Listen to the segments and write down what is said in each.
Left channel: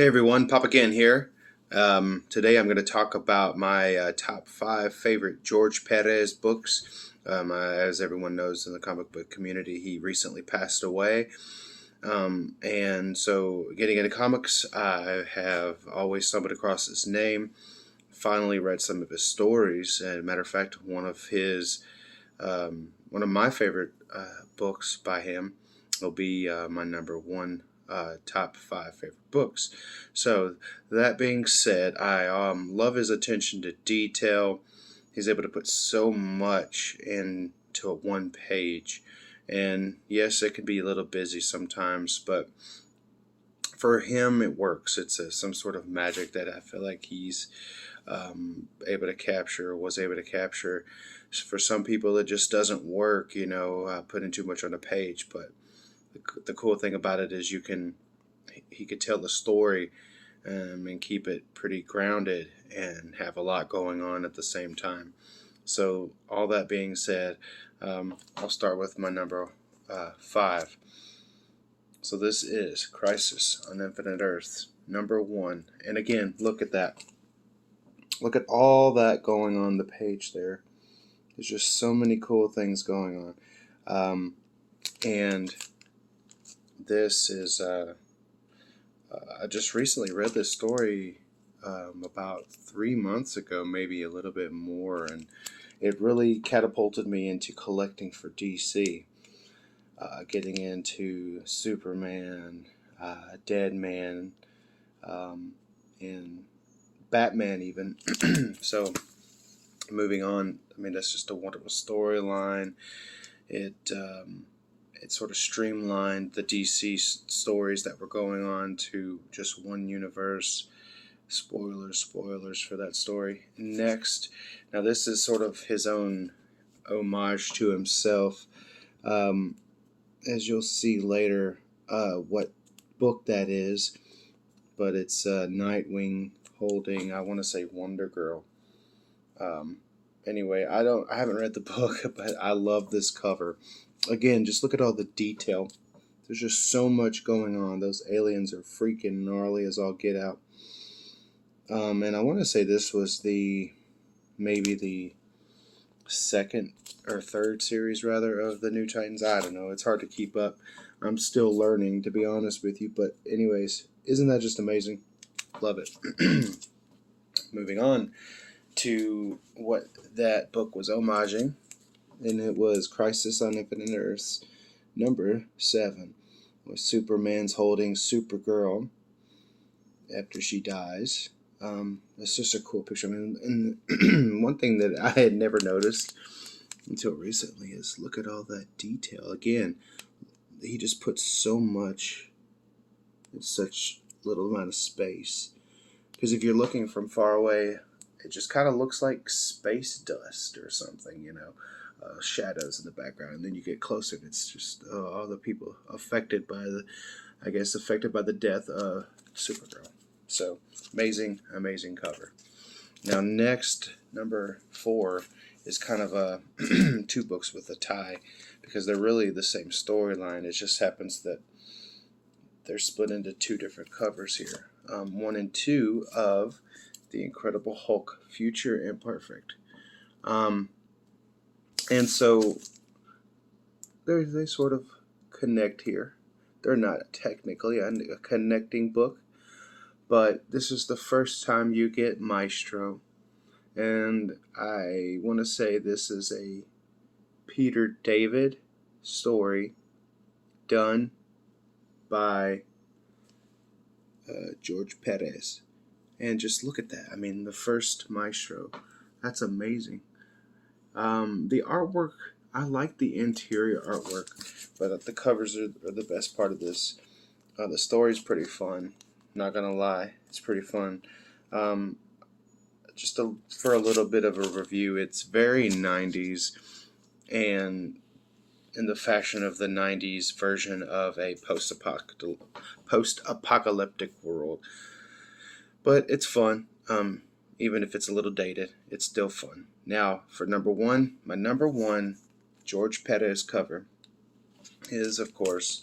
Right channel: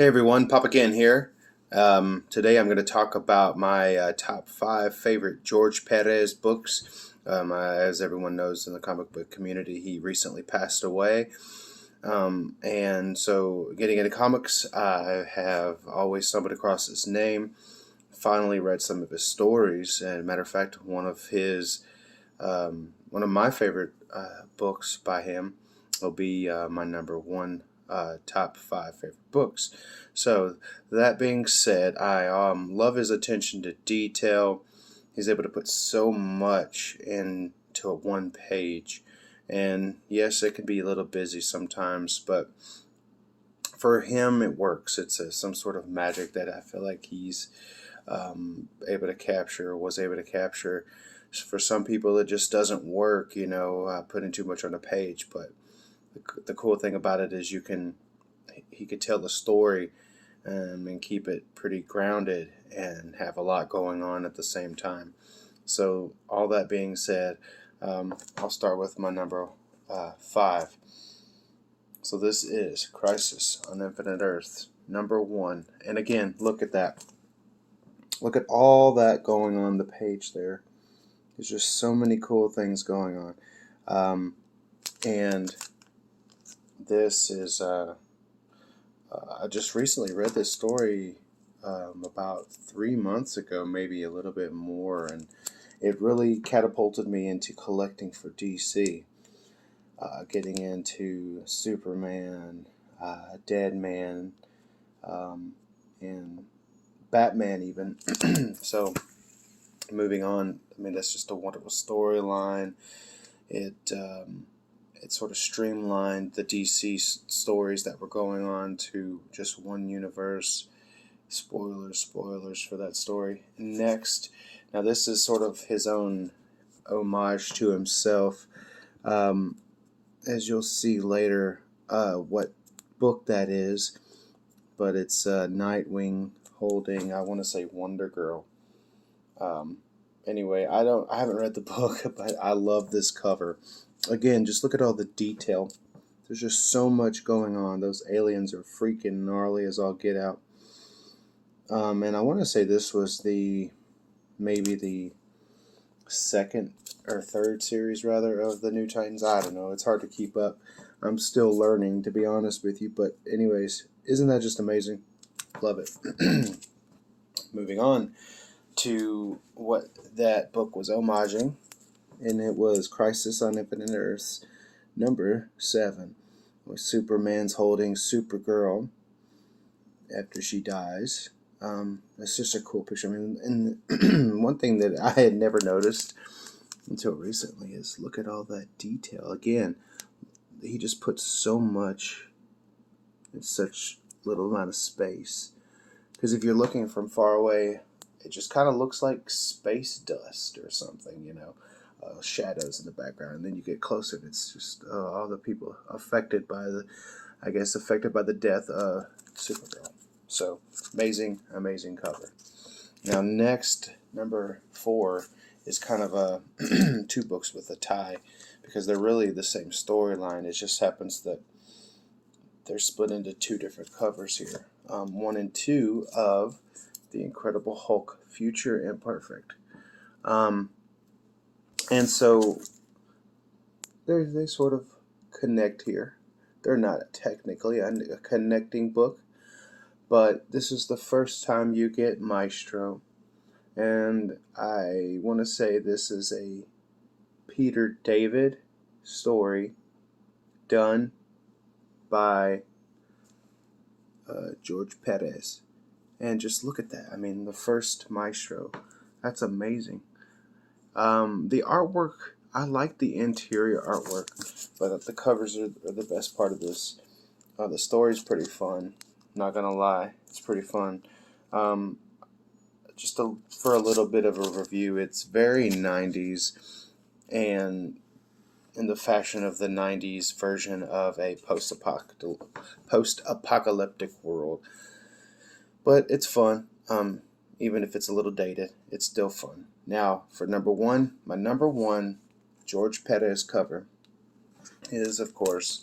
Hey everyone, Pop again here. Today I'm going to talk about my top five favorite George Perez books. As everyone knows in the comic book community, he recently passed away. And so getting into comics, I have always stumbled across his name. Finally read some of his stories. And matter of fact, one of my favorite books by him will be my number one top five favorite books. So that being said, I love his attention to detail. He's able to put so much into one page. And yes, it can be a little busy sometimes, but for him, it works. It's some sort of magic that I feel like he's able to capture, was able to capture. For some people, it just doesn't work, putting too much on a page. But the cool thing about it is he could tell the story and keep it pretty grounded and have a lot going on at the same time. So all that being said, I'll start with my number five. So this is Crisis on Infinite Earths, number one. And again, look at that. Look at all that going on the page there. There's just so many cool things going on. And this is, I just recently read this story about 3 months ago, maybe a little bit more. And it really catapulted me into collecting for DC. Getting into Superman, Deadman, and Batman even. So moving on, I mean, that's just a wonderful storyline. It sort of streamlined the DC stories that were going on to just one universe. Spoilers for that story. Next, now this is sort of his own homage to himself. As you'll see later, what book that is, but it's Nightwing holding, I want to say, Wonder Girl. Anyway, I haven't read the book, but I love this cover. Again, just look at all the detail. There's just so much going on. Those aliens are freaking gnarly as all get out. And I want to say this was maybe the second or third series rather of the New Titans. I don't know, it's hard to keep up. I'm still learning, to be honest with you, but anyways, isn't that just amazing? Love it. Moving on to what that book was homaging, and it was Crisis on Infinite Earths number 7, with Superman's holding Supergirl after she dies. It's just a cool picture. I mean, and one thing that I had never noticed until recently is look at all that detail. Again, he just puts so much in such little amount of space. Because if you're looking from far away, it just kind of looks like space dust or something, shadows in the background. And then you get closer, and it's just all the people affected by the death of Supergirl. So amazing cover. Now next, number 4 is kind of a two books with a tie, because they're really the same storyline. It just happens that they're split into two different covers here. 1 and 2 of The Incredible Hulk, Future Imperfect. And so they sort of connect here. They're not technically a connecting book, but this is the first time you get Maestro. And I want to say this is a Peter David story done by George Perez. And just look at that. I mean, the first Maestro. That's amazing. The artwork, I like the interior artwork, but the covers are the best part of this. The story's pretty fun. Not gonna lie, it's pretty fun. For a little bit of a review, it's very 90s, and in the fashion of the 90s version of a post-apocalyptic world. But it's fun. Even if it's a little dated, it's still fun. Now, for number 1, my number 1 George Perez cover is, of course,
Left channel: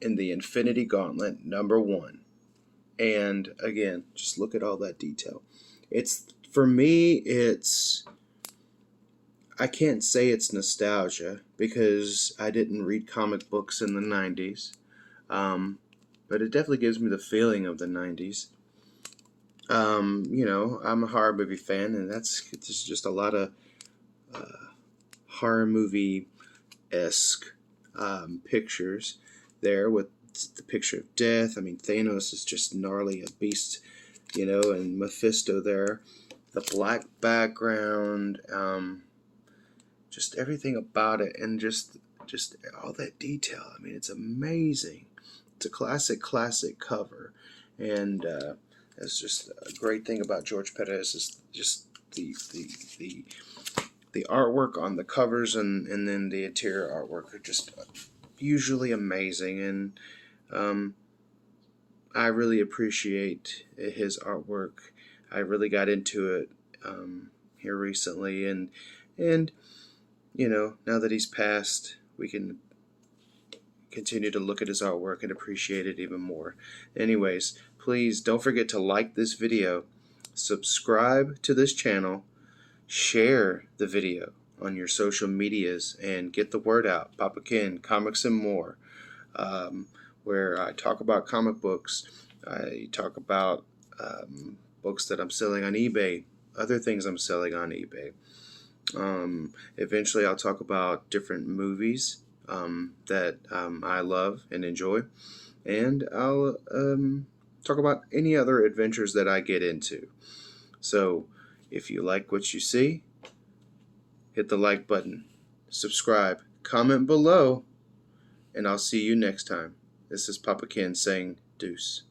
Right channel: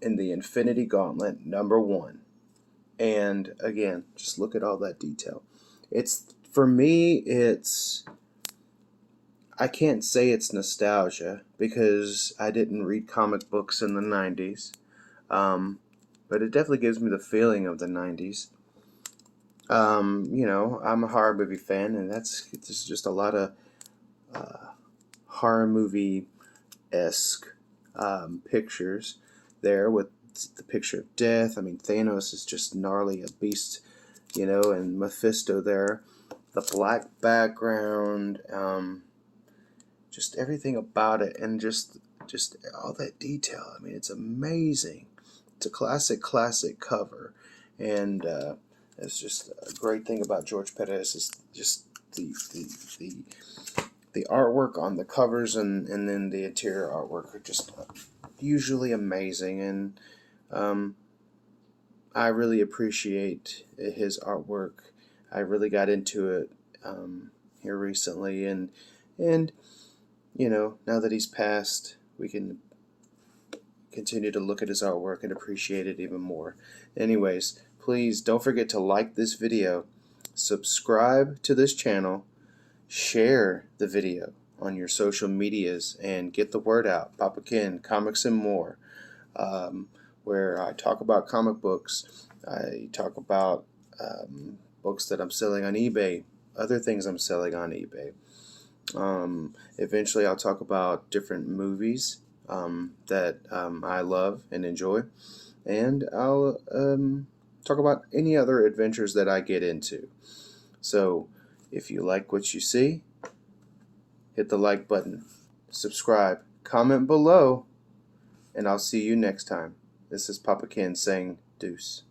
in the Infinity Gauntlet, number 1. And again, just look at all that detail. It's, for me, I can't say it's nostalgia because I didn't read comic books in the 90s. But it definitely gives me the feeling of the 90s. I'm a horror movie fan, and it's just a lot of horror movie-esque pictures there with the picture of death. I mean, Thanos is just gnarly, a beast, and Mephisto there. The black background, just everything about it, and just all that detail. I mean, it's amazing. It's a classic cover, and it's just a great thing about George Perez is just the artwork on the covers and then the interior artwork are just usually amazing, and I really appreciate his artwork. I really got into it here recently, and now that he's passed, we can continue to look at his artwork and appreciate it even more. Anyways, please don't forget to like this video, subscribe to this channel, share the video on your social medias, and get the word out. Papa Ken, Comics and More, where I talk about comic books. I talk about books that I'm selling on eBay, other things I'm selling on eBay. Eventually I'll talk about different movies that I love and enjoy, and I'll talk about any other adventures that I get into. So if you like what you see, hit the like button, subscribe, comment below, and I'll see you next time. This is Papa Ken saying deuce.